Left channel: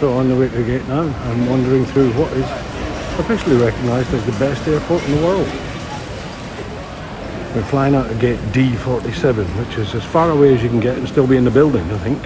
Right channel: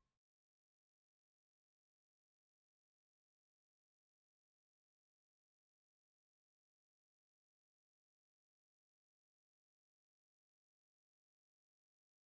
So on the way to Vietnam, I'm wandering through what is officially recognised as the best airport in the world. We're flying out of gate D47, which is as far away as you can get and still be in the building, I think.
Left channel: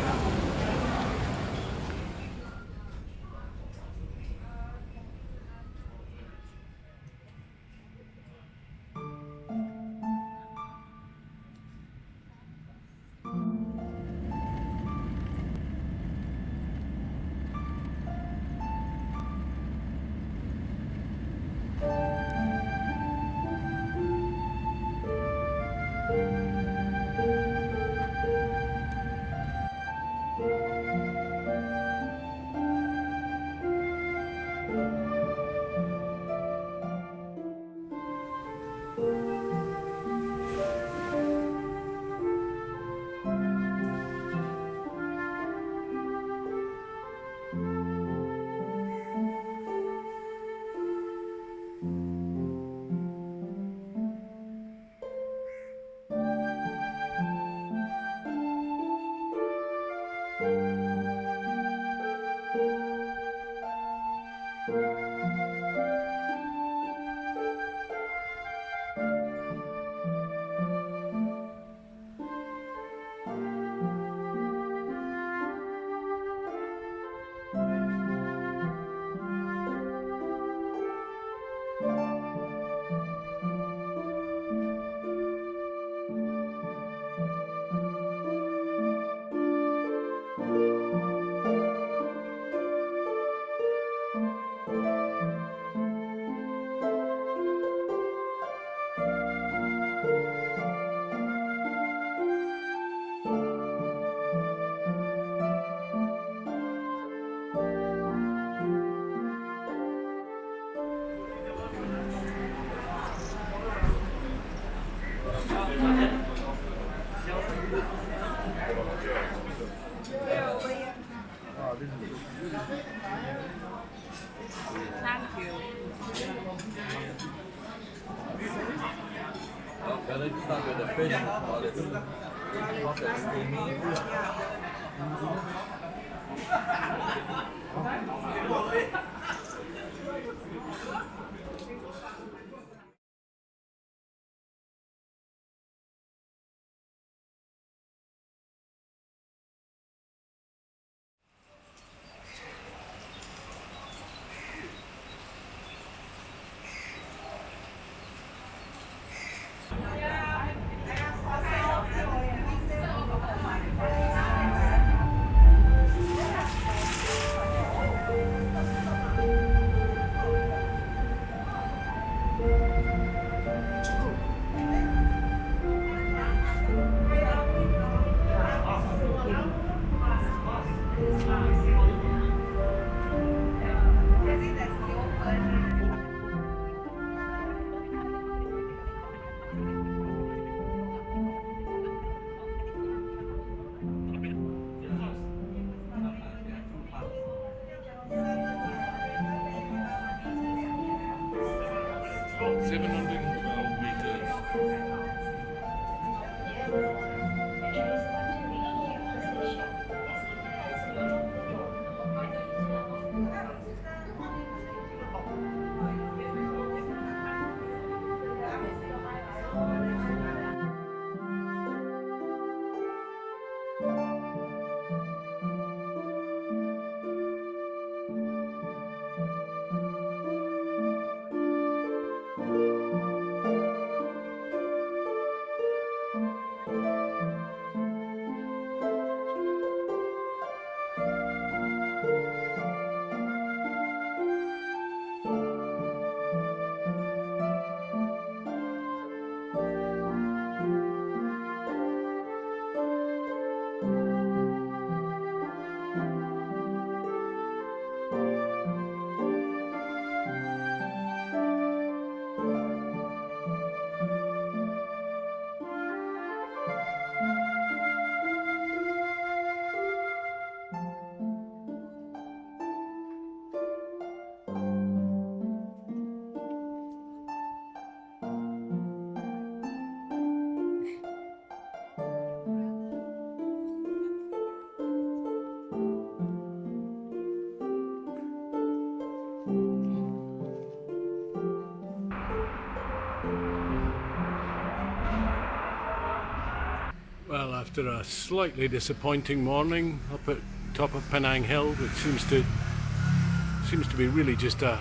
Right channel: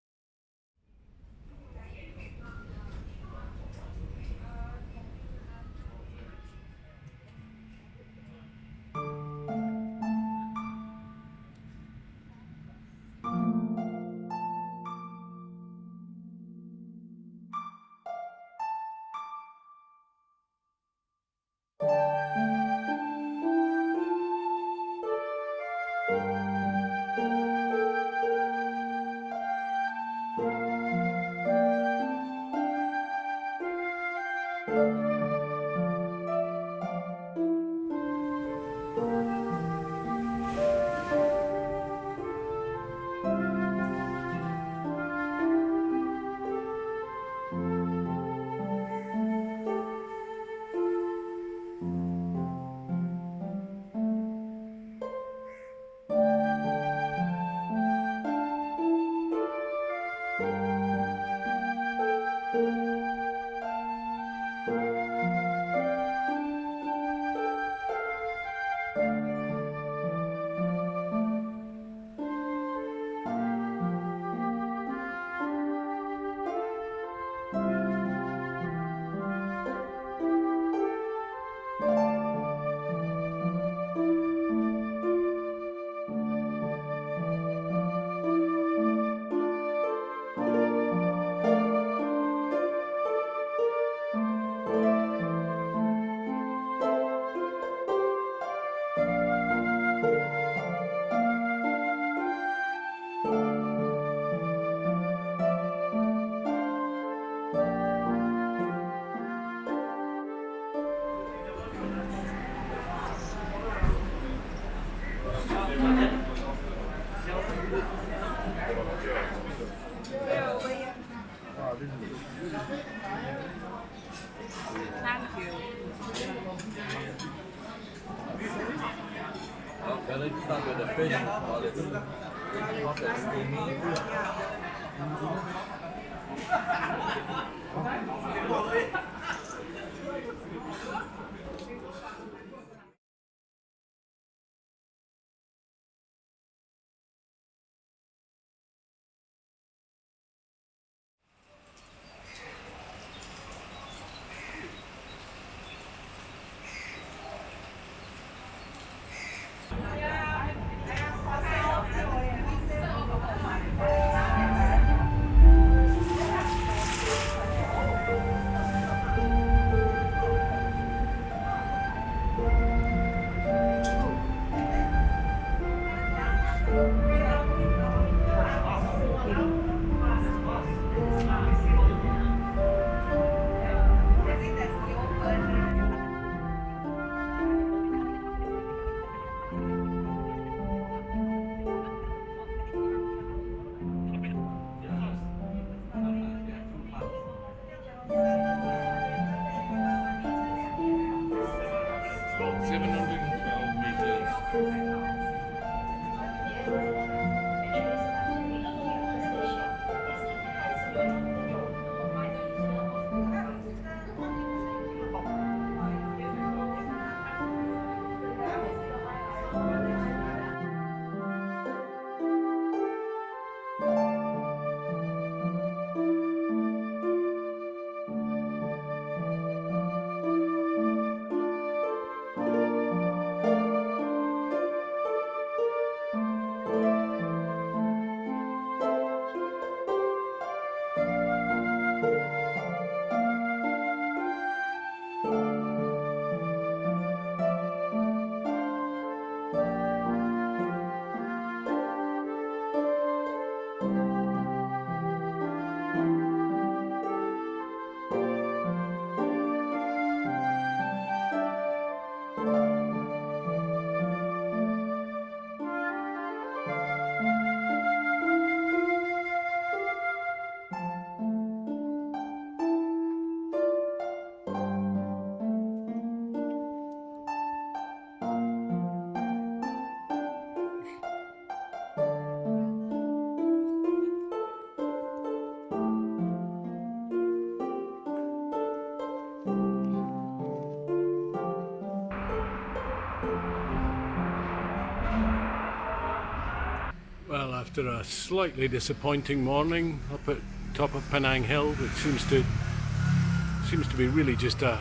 After a slightly disappointing morning up at top of Penang Hill, it seems to be really just a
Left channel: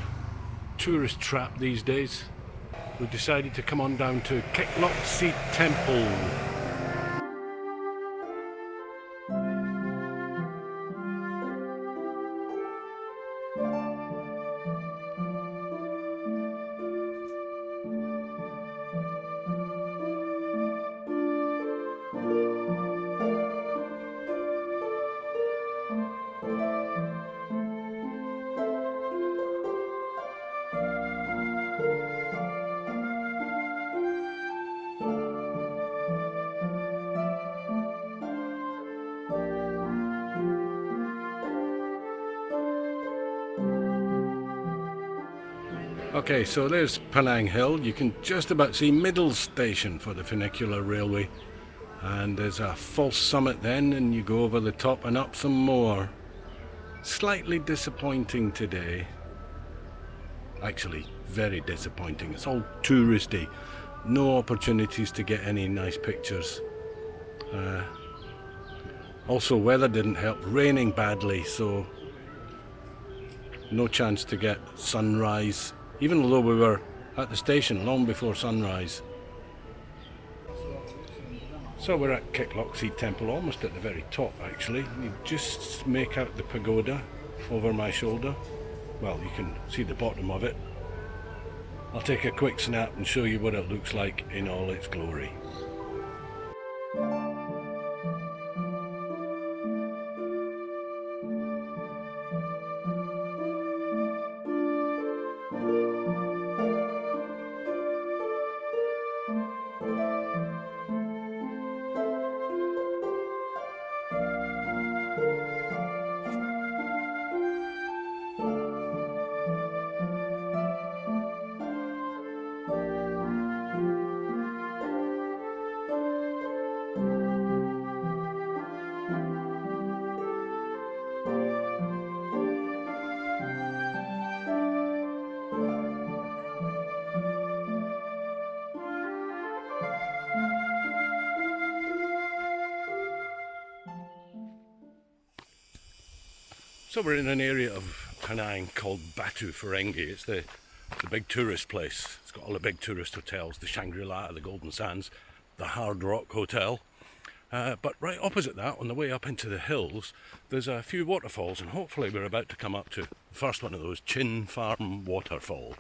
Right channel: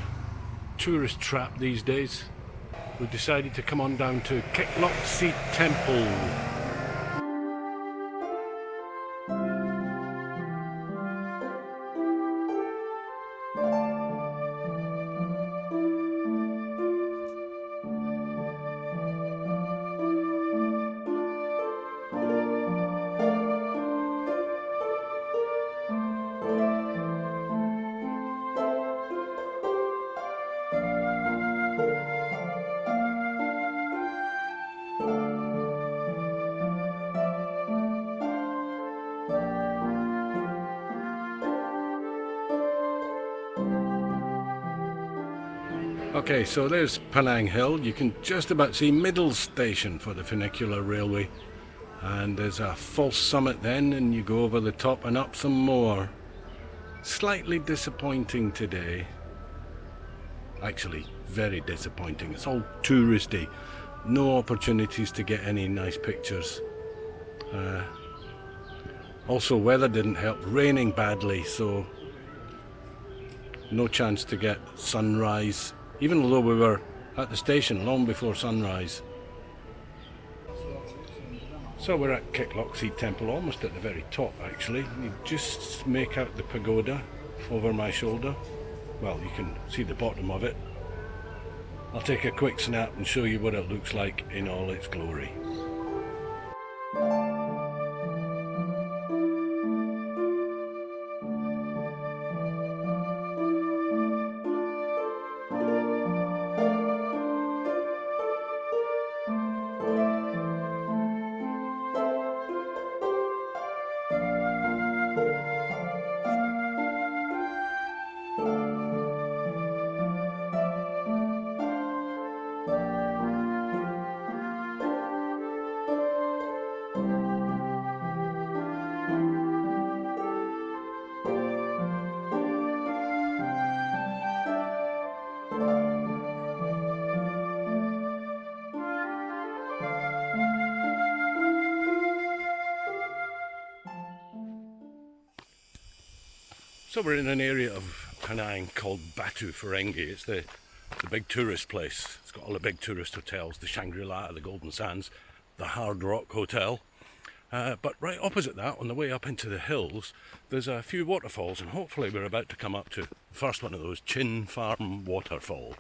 tourist trap these days, we've decided to come on down to Kek Lok See Temple. Okay, so there's Penang Hill. You can just about see middle station for the funicular railway, and there's a false summit then, and you go over the top and up some more. Slightly disappointing today, actually very disappointing. It's all touristy, no opportunities to get any nice pictures. Also, weather didn't help, raining badly, so no chance to get sunrise, even though we were at the station long before sunrise. So we're at Kek Lok See Temple, almost at the very top actually. You just make out the pagoda over my shoulder. Well, you can see the bottom of it. I'll take a quick snap and show you what it looks like in all its glory. So we're in an area of Penang called Batu Ferringhi. It's the big tourist place. It's got all the big tourist hotels, the Shangri-La, the Golden Sands, the Hard Rock Hotel. But right opposite that, on the way up into the hills, there's a few waterfalls, and hopefully we're about to come up to the first one of those, Chin Farm Waterfall.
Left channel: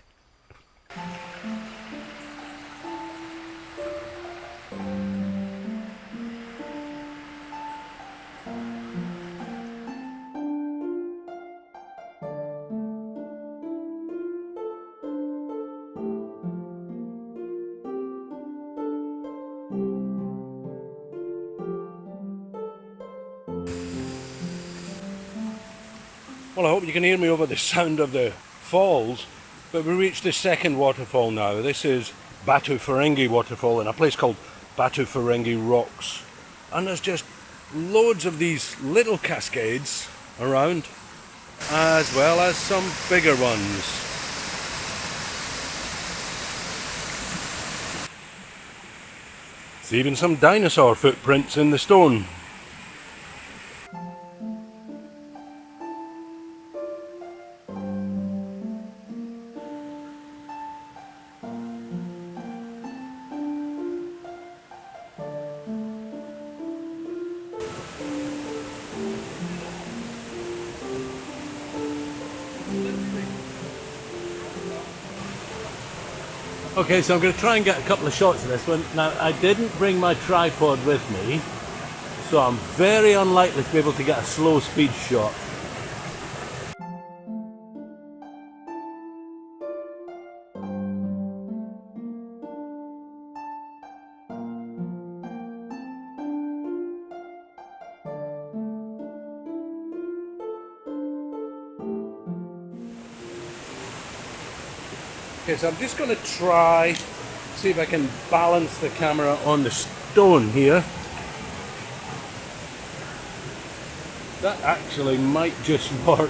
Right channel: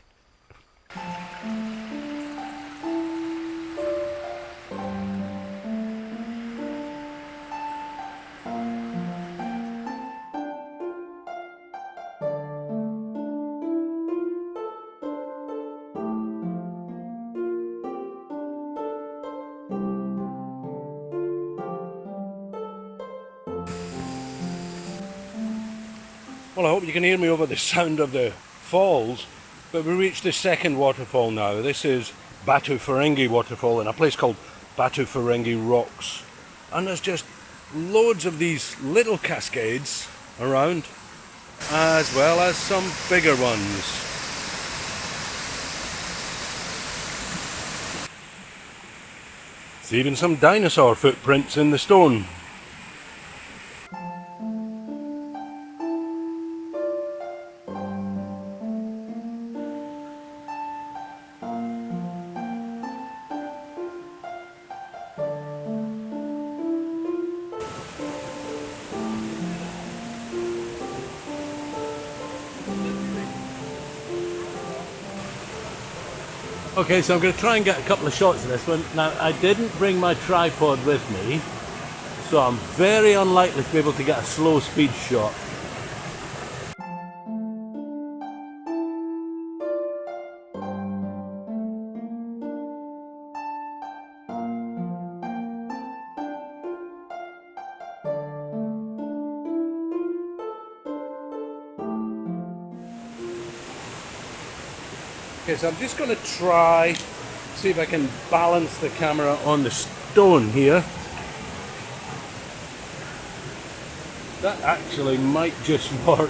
Well, I hope you can hear me over the sound of the falls, but we reached the second waterfall now. This is Batu Ferringhi Waterfall in a place called Batu Ferringhi Rocks. And there's just loads of these little cascades around, as well as some bigger ones. There's even some dinosaur footprints in the stone. Okay, so I'm going to try and get a couple of shots of this one. Now, I didn't bring my tripod with me, so I'm very unlikely to be able to get a slow speed shot. Okay, so I'm just going to try, see if I can balance the camera on the stone here. That actually might just work.